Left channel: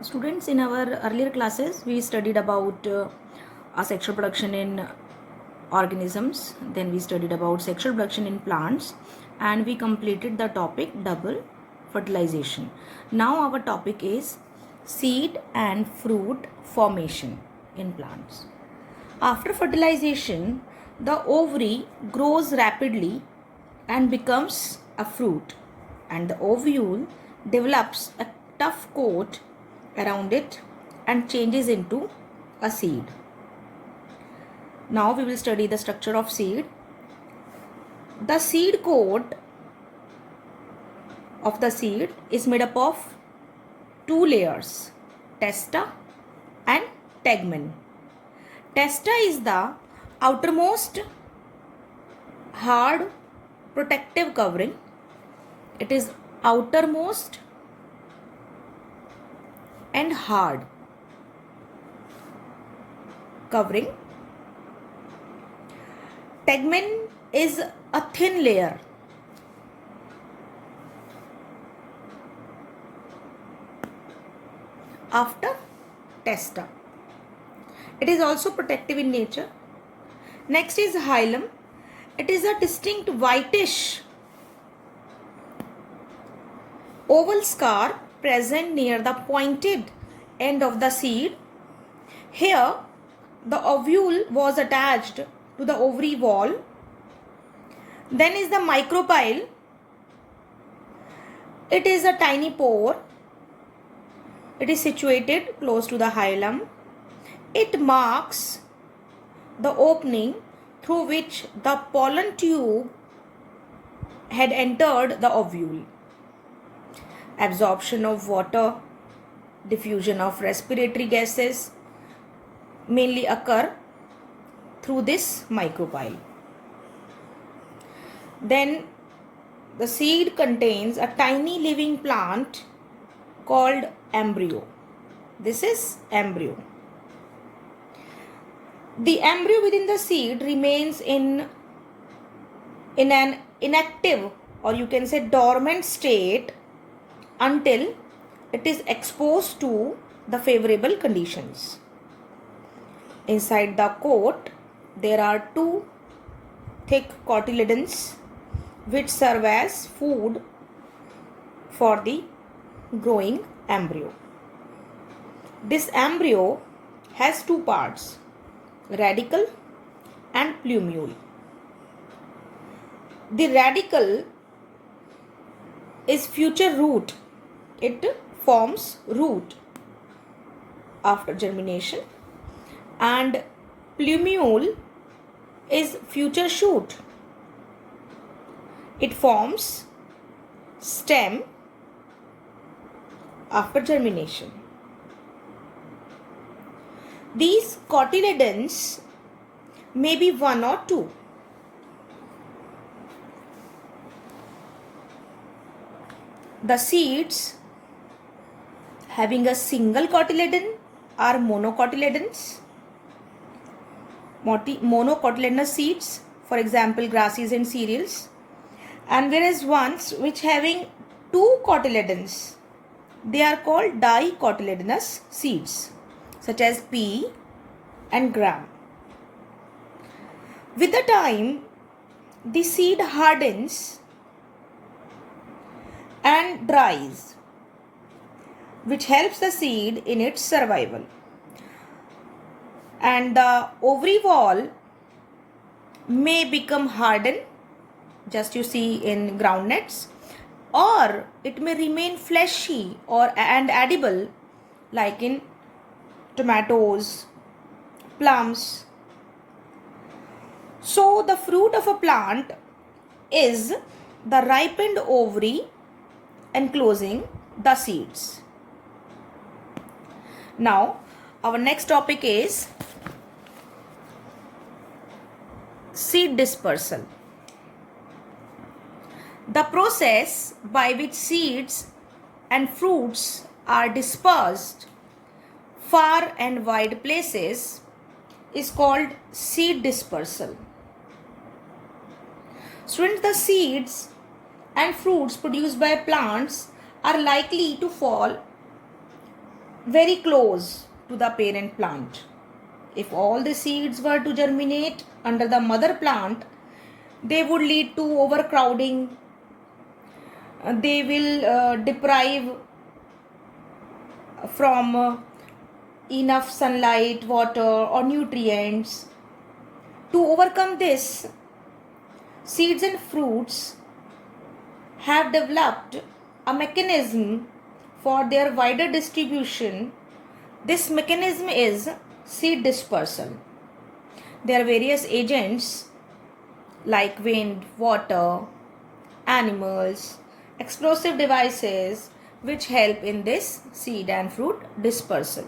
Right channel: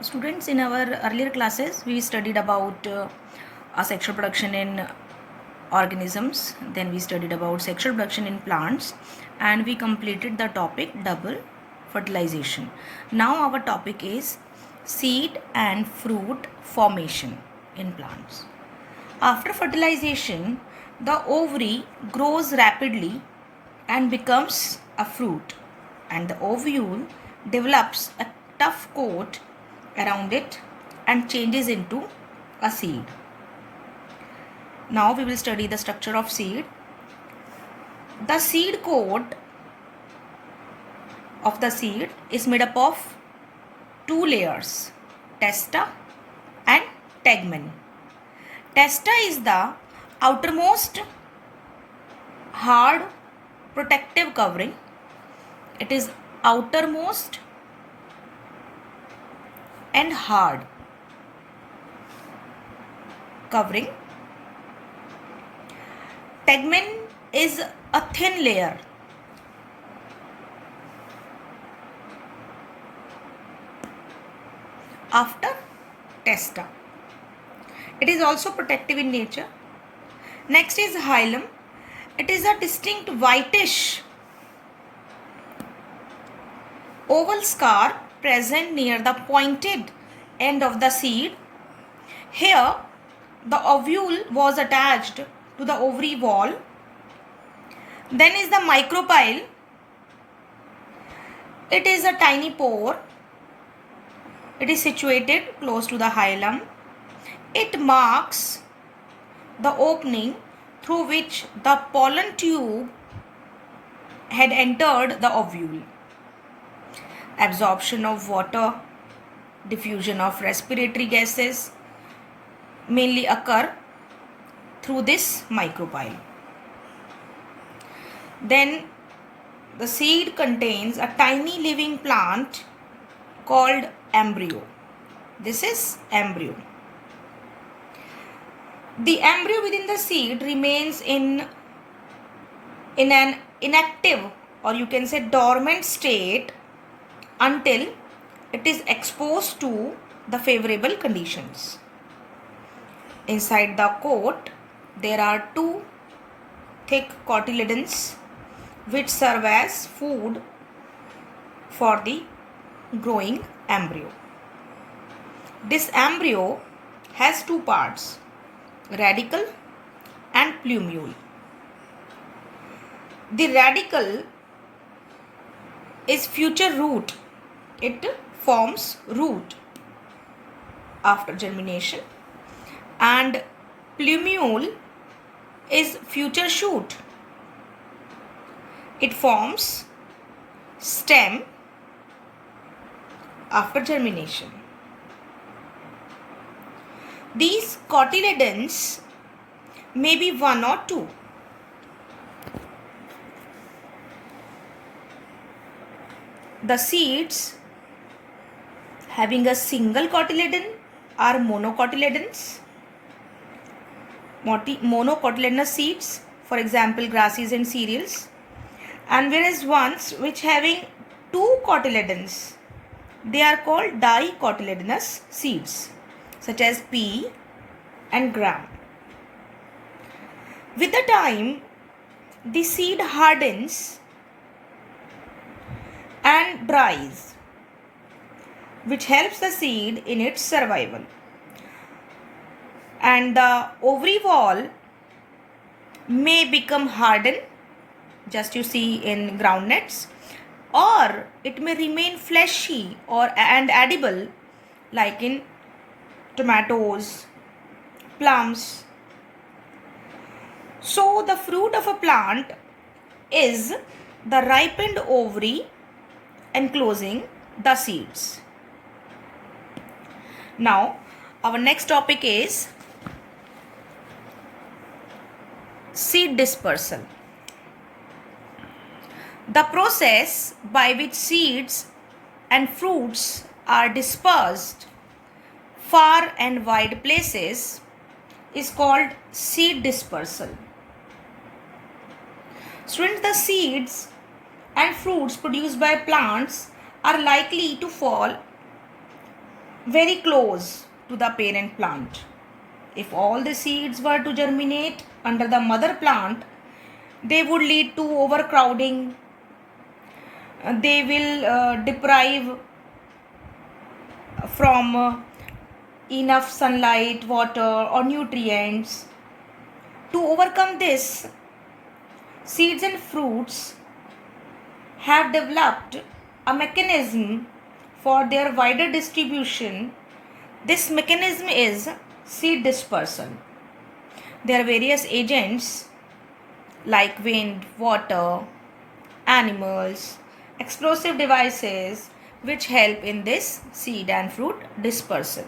Students, in our earlier classes, we studied about sexual production in organisms, then we studied about sexual production in plants, and we completed the topic double fertilization. Now, our topic is seed and fruit formation in plants. After fertilization, the ovary grows rapidly and becomes a fruit, and the ovule develops a tough coat around it and changes into a seed. Now we will study the structure of seed. The seed coat of the seed is made up of two layers, testa and tegmen. Testa is the outermost hard protective covering. It is outermost and hard covering. Tegmen is a thin layer. After testa. It is also protective in nature. Next is hilum. It is a distinct whitish oval scar present near the pointed end of the seed. Here, the ovule was attached to the ovary wall. Then is the micropyle. It is a tiny pore. It is situated close to the hilum. It marks the opening through which the pollen tube had entered the ovule. Absorption of water, diffusion of respiratory gases mainly occur through this micropyle. Then the seed contains a tiny living plant called embryo. This is embryo. The embryo within the seed remains in an inactive, or you can say dormant state, until it is exposed to the favorable conditions. Inside the coat, there are two thick cotyledons which serve as food for the growing embryo. This embryo has two parts, radicle and plumule. The radicle is future root. It forms root after germination, and plumule is future shoot. It forms stem after germination. These cotyledons may be one or two. The seeds having a single cotyledon are monocotyledons. Monocotyledonous seeds, for example, grasses and cereals. And whereas ones which having two cotyledons, they are called dicotyledonous seeds, such as pea and gram. With the time, the seed hardens and dries, which helps the seed in its survival. And the ovary wall may become hardened, just you see in groundnuts, or it may remain fleshy and edible, like in tomatoes, plums. So the fruit of a plant is the ripened ovary enclosing the seeds. Now, our next topic is seed dispersal. The process by which seeds and fruits are dispersed far and wide places is called seed dispersal. Students, the seeds and fruits produced by plants are likely to fall very close to the parent plant. If all the seeds were to germinate under the mother plant, they would lead to overcrowding. They will deprive from enough sunlight, water, or nutrients. To overcome this, seeds and fruits have developed a mechanism for their wider distribution. This mechanism is seed dispersal. There are various agents like wind, water, animals, explosive devices which help in this seed and fruit dispersal.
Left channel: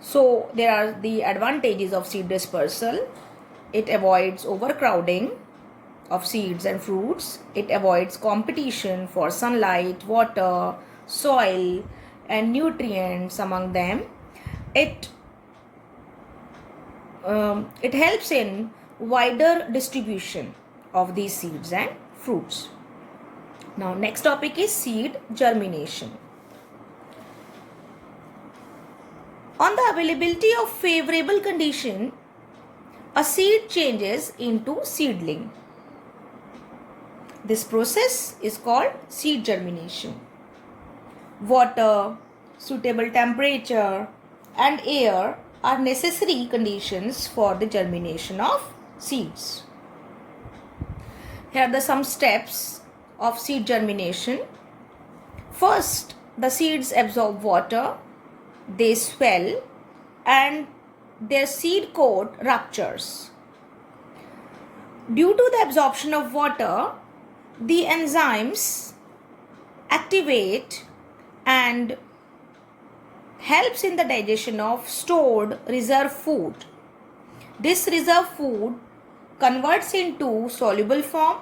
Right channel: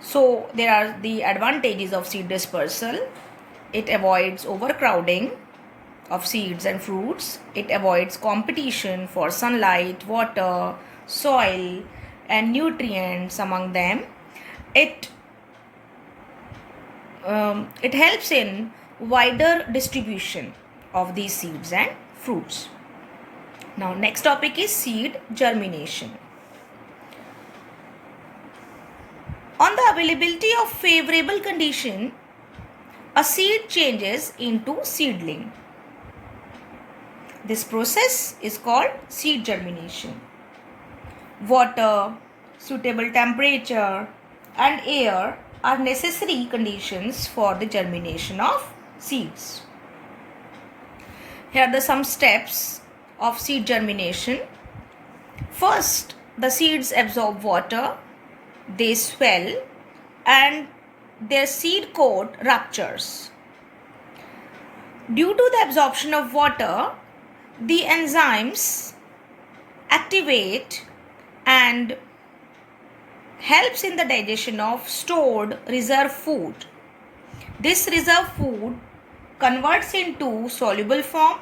So there are the advantages of seed dispersal. It avoids overcrowding of seeds and fruits. It avoids competition for sunlight, water, soil, and nutrients among them. It helps in wider distribution of these seeds and fruits. Now, next topic is seed germination. On the availability of favorable condition, a seed changes into seedling. This process is called seed germination. Water, suitable temperature, and air are necessary conditions for the germination of seeds. Here are some steps of seed germination. First, the seeds absorb water, they swell, and their seed coat ruptures. Due to the absorption of water, the enzymes activate and helps in the digestion of stored reserve food. This reserve food converts into soluble form,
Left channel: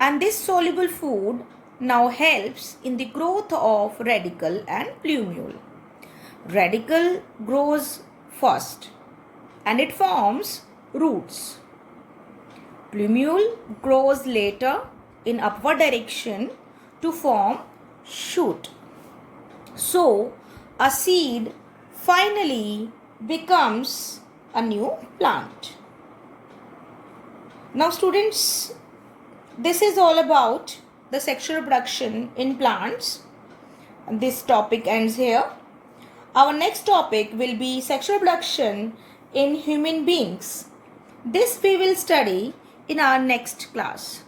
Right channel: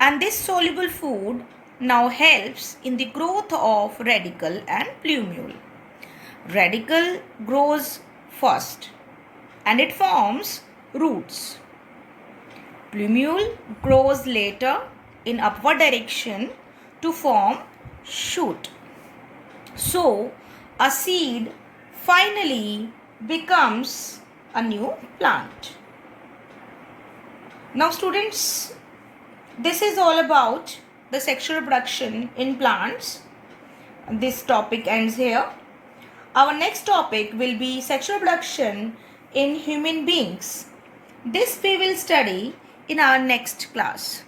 and this soluble food now helps in the growth of radicle and plumule. Radicle grows first and it forms roots. Plumule grows later in upward direction to form shoot. So, a seed finally becomes a new plant. Now students, this is all about the sexual reproduction in plants. This topic ends here. Our next topic will be sexual reproduction in human beings. This we will study in our next class.